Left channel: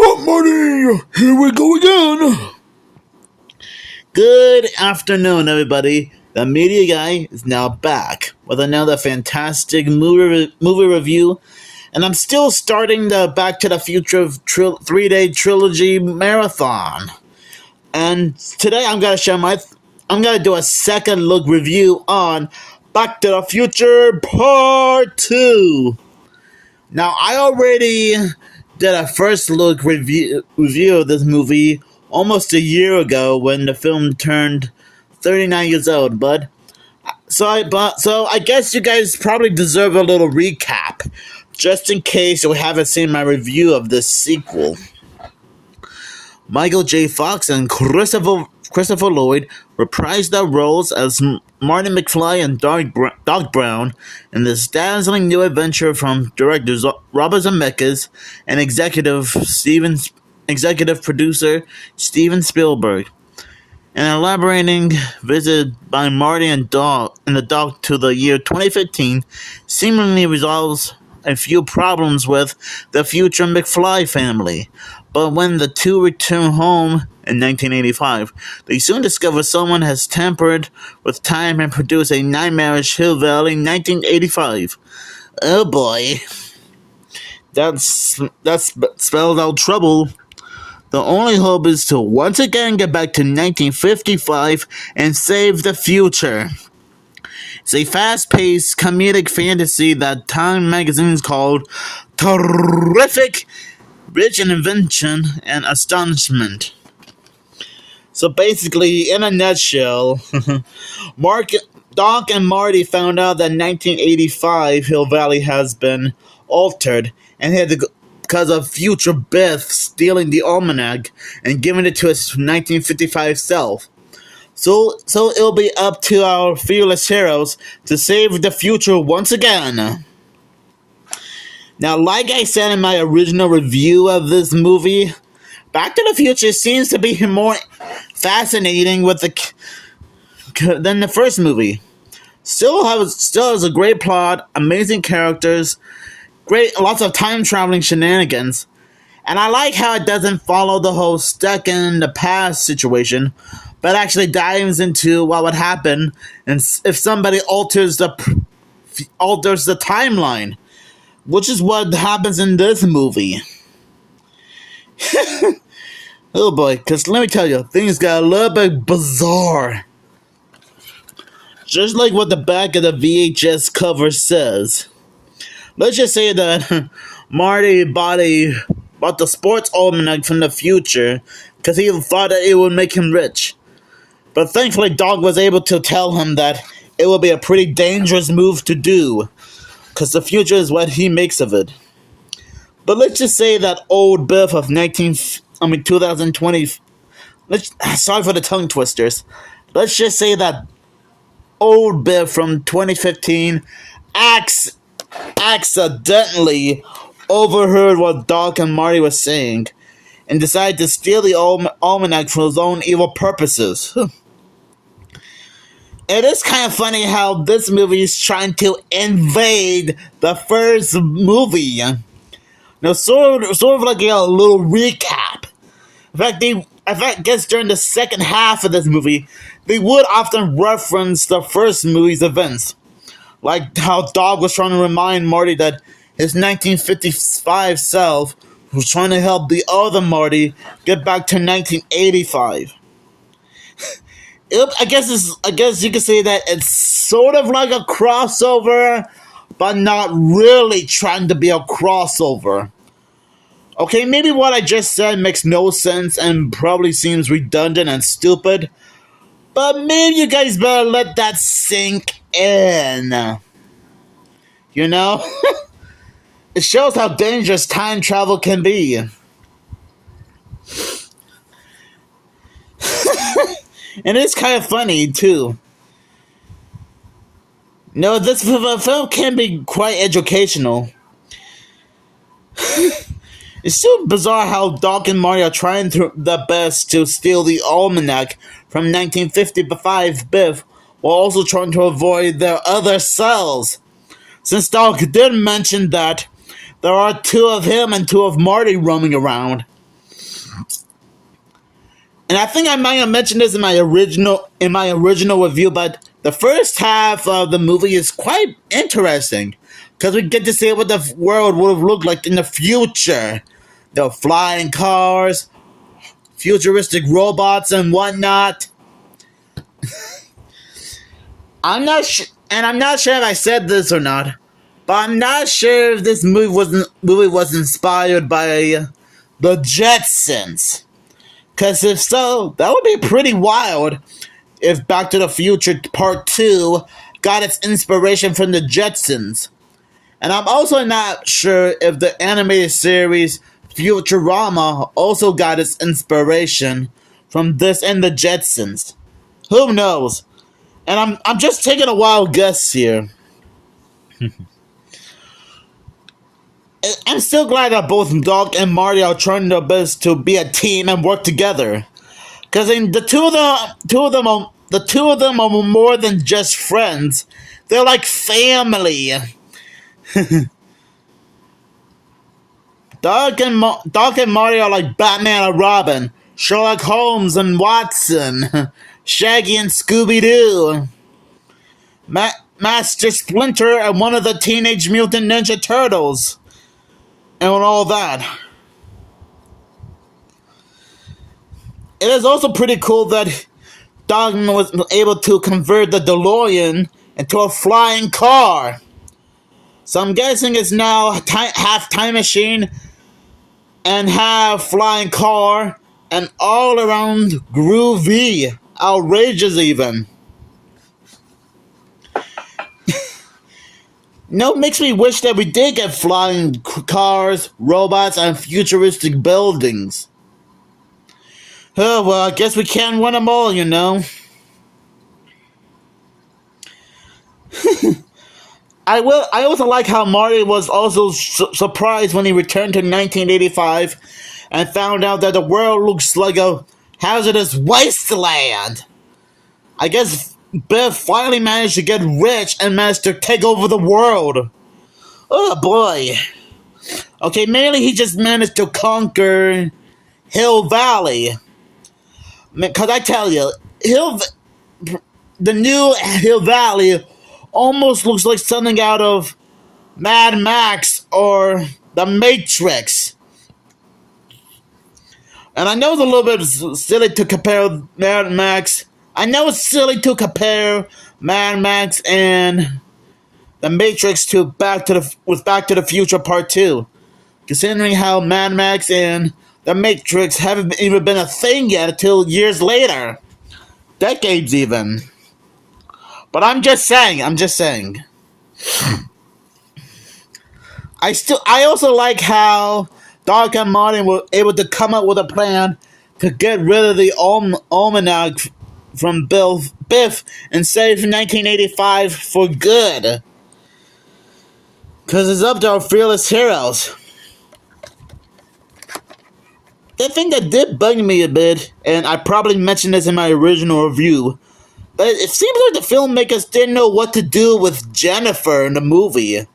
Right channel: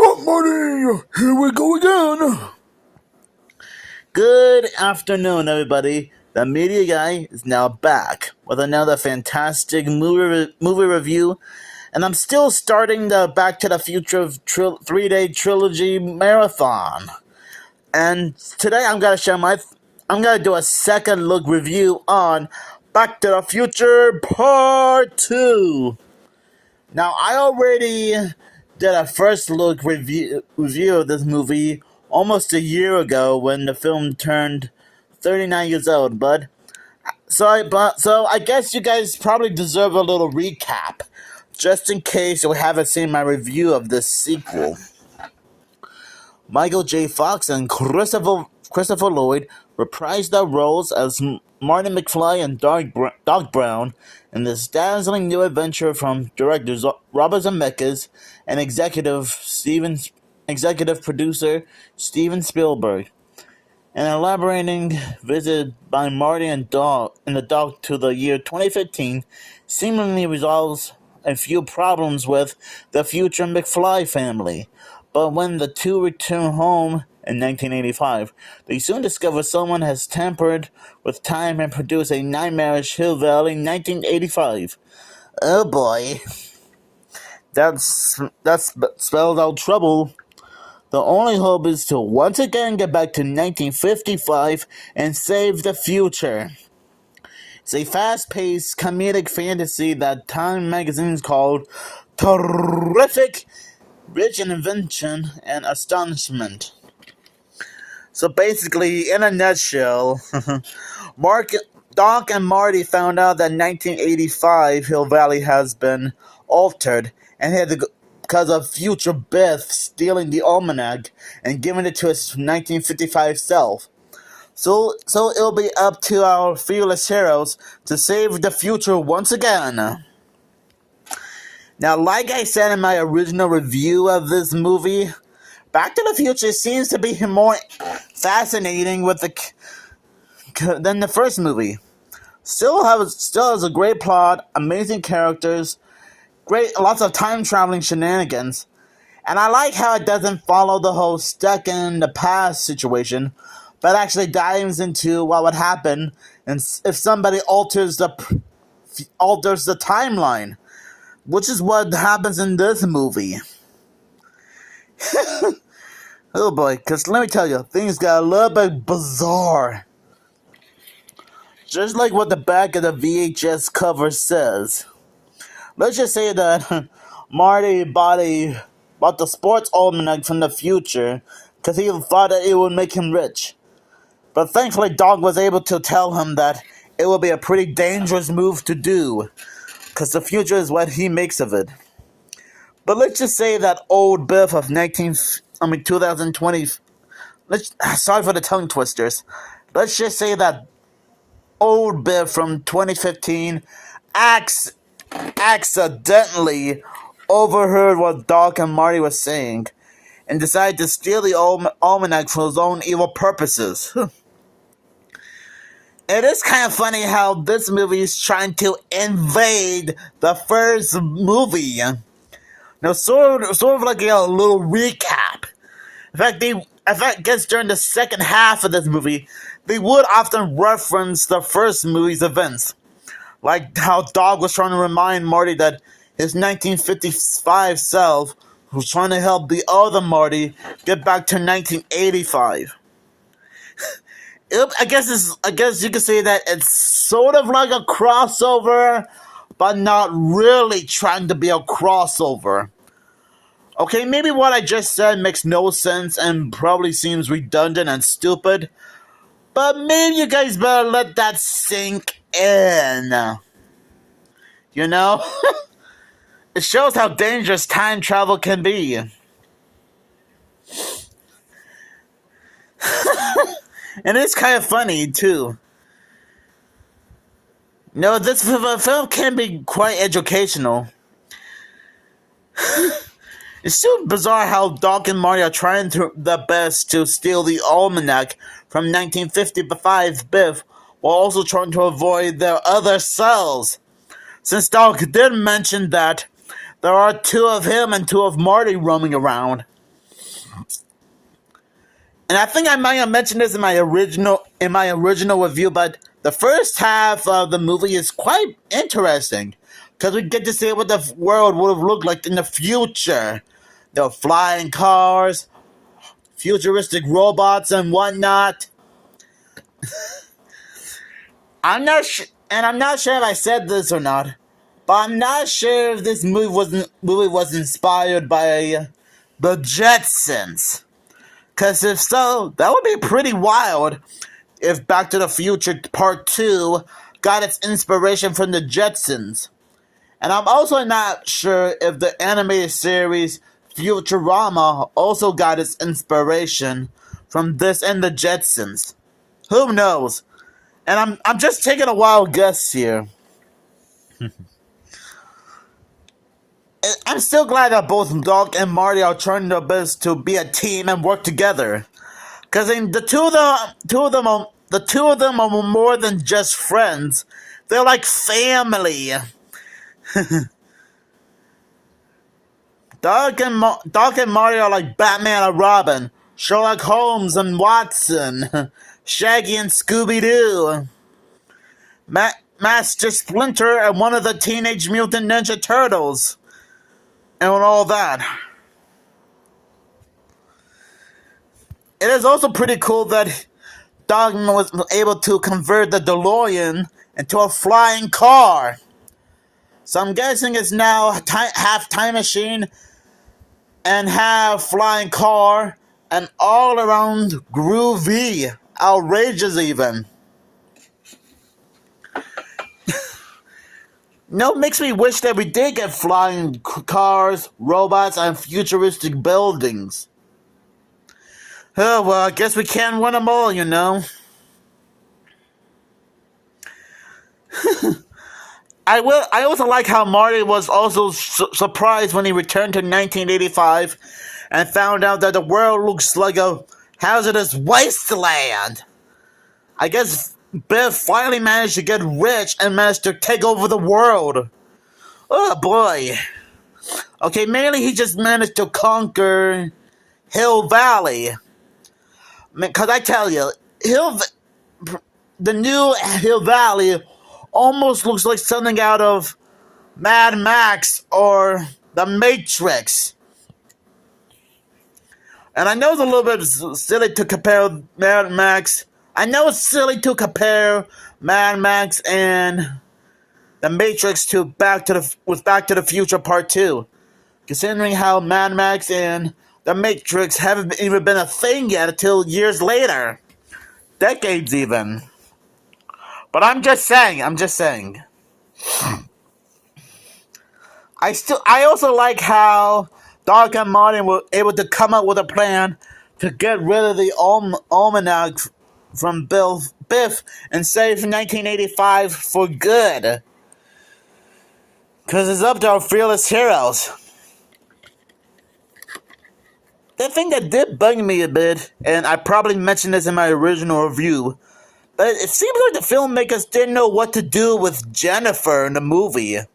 Good morning! Here we go again! Good afternoon, everybody. The media guy is now back with another fantastic movie review, and I'm still starting the Back to the Future 3-day trilogy marathon. And today I'm gonna do a second look review on Back to the Future Part 2. Now, I already did a first look review of this movie almost a year ago when the film turned 39 years old, bud. So I guess you guys probably deserve a little recap, just in case you haven't seen my review of this sequel. Michael J. Fox and Christopher Lloyd reprised their roles as Marty McFly and Doc Brown in this dazzling new adventure from directors Robert Zemeckis and executive producer Steven Spielberg. An elaborating visit by Marty and the Doc to the year 2015 seemingly resolves a few problems with the future McFly family. But when the two return home in 1985, they soon discover someone has tampered with time and produced a nightmarish Hill Valley 1985. Oh boy. That's spelled out trouble. The only hope is to once again get back to 1955 and save the future. It's a fast-paced comedic fantasy that Time magazines called terrific, rich in invention and astonishment. So basically, in a nutshell, Doc and Marty found out that 1985 Hill Valley has been altered and had to go because of future Biff stealing the almanac and giving it to his 1955 self. So it'll be up to our fearless heroes to save the future once again. Now, like I said in my original review of this movie, Back to the Future seems to be more fascinating than the first movie. Still has a great plot, amazing characters, lots of time traveling shenanigans, and I like how it doesn't follow the whole stuck in the past situation, but actually dives into what would happen and if somebody alters the timeline, which is what happens in this movie. Oh boy, because let me tell you, things got a little bit bizarre. Just like what the back of the VHS cover says. Let's just say that Marty bought the sports almanac from the future because he thought that it would make him rich. But thankfully, Doc was able to tell him that it would be a pretty dangerous move to do, because the future is what he makes of it. But let's just say that old Biff of 2020. Sorry for the tongue twisters. Let's just say that old Biff from 2015 accidentally overheard what Doc and Marty were saying and decided to steal the almanac for his own evil purposes. It is kind of funny how this movie is trying to invade the first movie. Now, sort of like a little recap. In fact, I guess during the second half of this movie, they would often reference the first movie's events. Like how Doc was trying to remind Marty that his 1955 self was trying to help the other Marty get back to 1985. I guess you could say that it's sort of like a crossover, but not really trying to be a crossover. Okay, maybe what I just said makes no sense and probably seems redundant and stupid, but maybe you guys better let that sink in. You know? It shows how dangerous time travel can be. And it's kind of funny, too. No, this film can be quite educational. It's so bizarre how Doc and Marty are trying their best to steal the almanac from 1955 Biff, while also trying to avoid their other selves. Since Doc did mention that there are two of him and two of Marty roaming around. And I think I might have mentioned this in my original review, but the first half of the movie is quite interesting because we get to see what the world would have looked like in the future. The flying cars, futuristic robots, and whatnot. I'm not sure if I said this or not, but I'm not sure if this movie was inspired by the Jetsons. Because if so, that would be pretty wild if Back to the Future Part 2 got its inspiration from the Jetsons. And I'm also not sure if the animated series Futurama also got its inspiration from this and the Jetsons. Who knows? And I'm just taking a wild guess here. I'm still glad that both Doc and Marty are trying their best to be a team and work together. Because the two of them are more than just friends. They're like family. Doc and Marty are like Batman and Robin, Sherlock Holmes and Watson, Shaggy and Scooby-Doo, Master Splinter and one of the Teenage Mutant Ninja Turtles, and all that. It is also pretty cool that Doc was able to convert the DeLorean into a flying car. So I'm guessing it's now half time machine and half flying car and all around groovy. Outrageous even. No, makes me wish that we did get flying cars, robots, and futuristic buildings. Oh, well, I guess we can't win them all, you know. I also like how Marty was also surprised when he returned to 1985 and found out that the world looks like a hazardous wasteland. I guess Biff finally managed to get rich and managed to take over the world. Oh boy. Okay, mainly he just managed to conquer Hill Valley. Because I tell you, the new Hill Valley almost looks like something out of Mad Max or The Matrix. And I know it's a little bit silly to compare Mad Max. I know it's silly to compare Mad Max and The Matrix to Back to the Future Part 2. Considering how Mad Max and The Matrix haven't even been a thing yet until years later. Decades even. But I'm just saying. I also like how Doc and Marty were able to come up with a plan to get rid of the almanac from Biff and save 1985 for good. Because it's up to our fearless heroes. The thing that did bug me a bit, and I probably mentioned this in my original review, but it seems like the filmmakers didn't know what to do with Jennifer in the movie.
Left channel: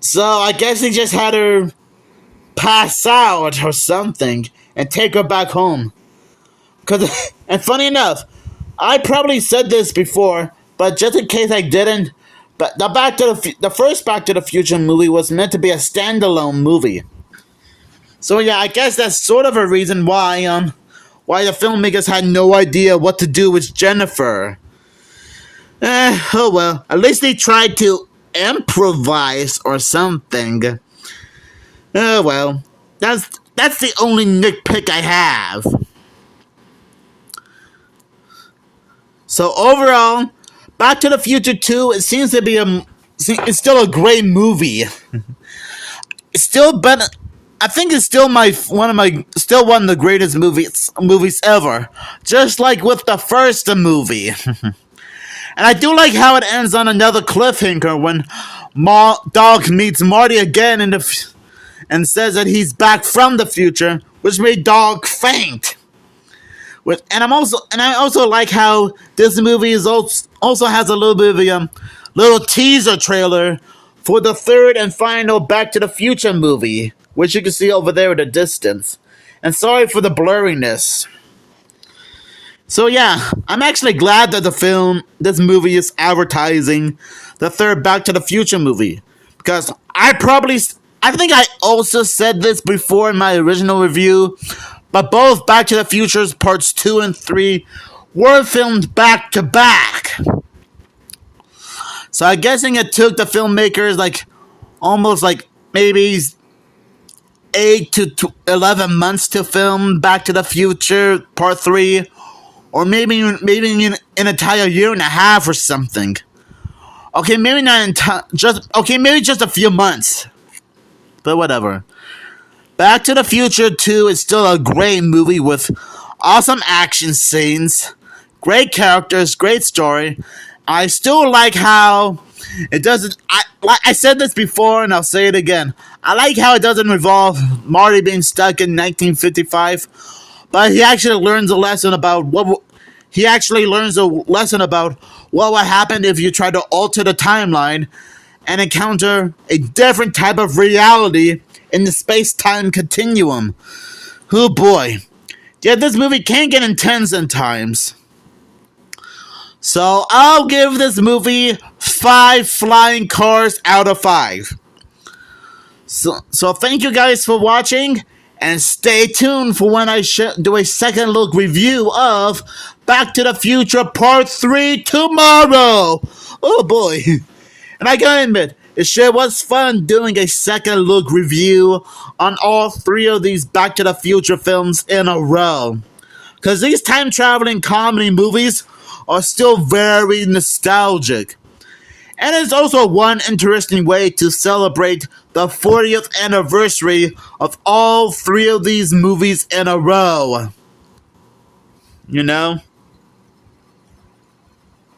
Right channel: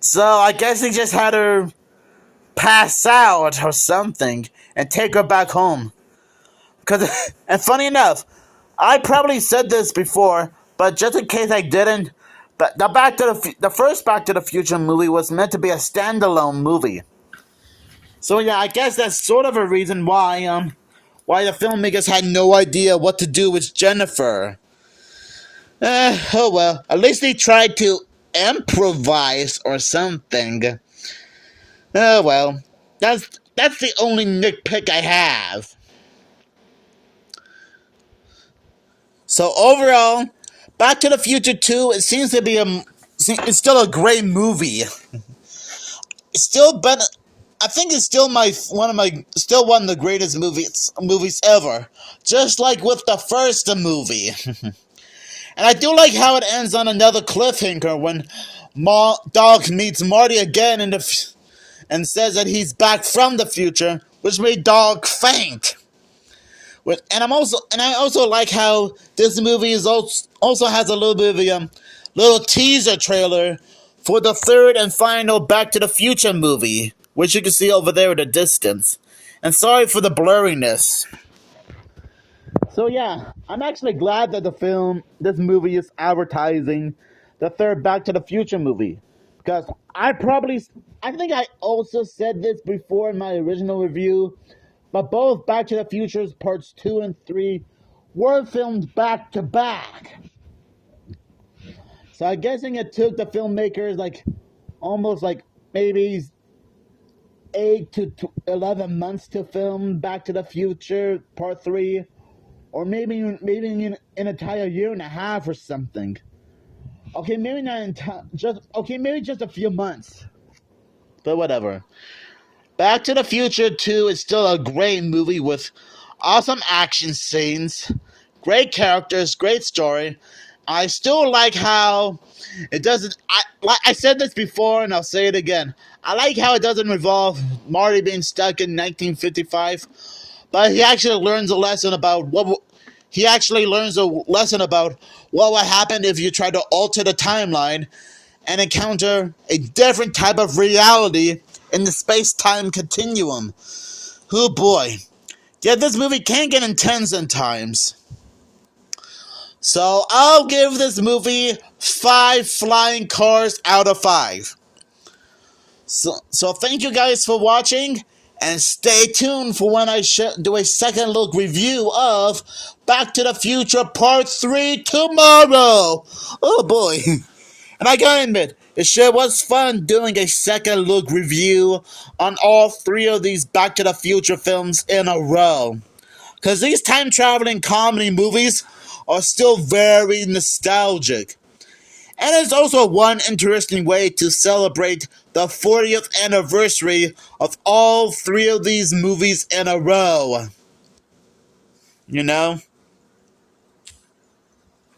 So I guess they just had her pass out or something and take her back home. And funny enough, I probably said this before, but just in case I didn't, but the first Back to the Future movie was meant to be a standalone movie. So yeah, I guess that's sort of a reason why the filmmakers had no idea what to do with Jennifer. Oh well, at least they tried to improvise or something. Oh well, that's the only nitpick I have. So overall, Back to the Future 2, it seems to be it's still a great movie. It's still better. I think it's still one of the greatest movies ever. Just like with the first movie. And I do like how it ends on another cliffhanger when Dog meets Marty again and says that he's back from the future, which made Dog faint. And I also like how this movie also has a little bit of a little teaser trailer for the third and final Back to the Future movie, which you can see over there in the distance. And sorry for the blurriness. So yeah, I'm actually glad that this movie is advertising the third Back to the Future movie. Because I think I also said this before in my original review, but both Back to the Future's parts 2 and 3 were filmed back to back. So I'm guessing it took the filmmakers almost maybe 8 to 11 months to film Back to the Future Part 3, or maybe an entire year and a half or something. Okay, maybe not maybe just a few months. But whatever. Back to the Future 2 is still a great movie with awesome action scenes, great characters, great story. I still like how it doesn't. I said this before and I'll say it again. I like how it doesn't involve Marty being stuck in 1955, but he actually learns a lesson about what would happen if you try to alter the timeline and encounter a different type of reality in the space-time continuum. Oh boy. Yeah, this movie can get intense at times. So I'll give this movie 5 flying cars out of 5. So thank you guys for watching, and stay tuned for when I do a second look review of Back to the Future Part 3 tomorrow. Oh boy. And I gotta admit, it sure was fun doing a second look review on all 3 of these Back to the Future films in a row. Because these time traveling comedy movies are still very nostalgic. And it's also one interesting way to celebrate the 40th anniversary of all 3 of these movies in a row. You know?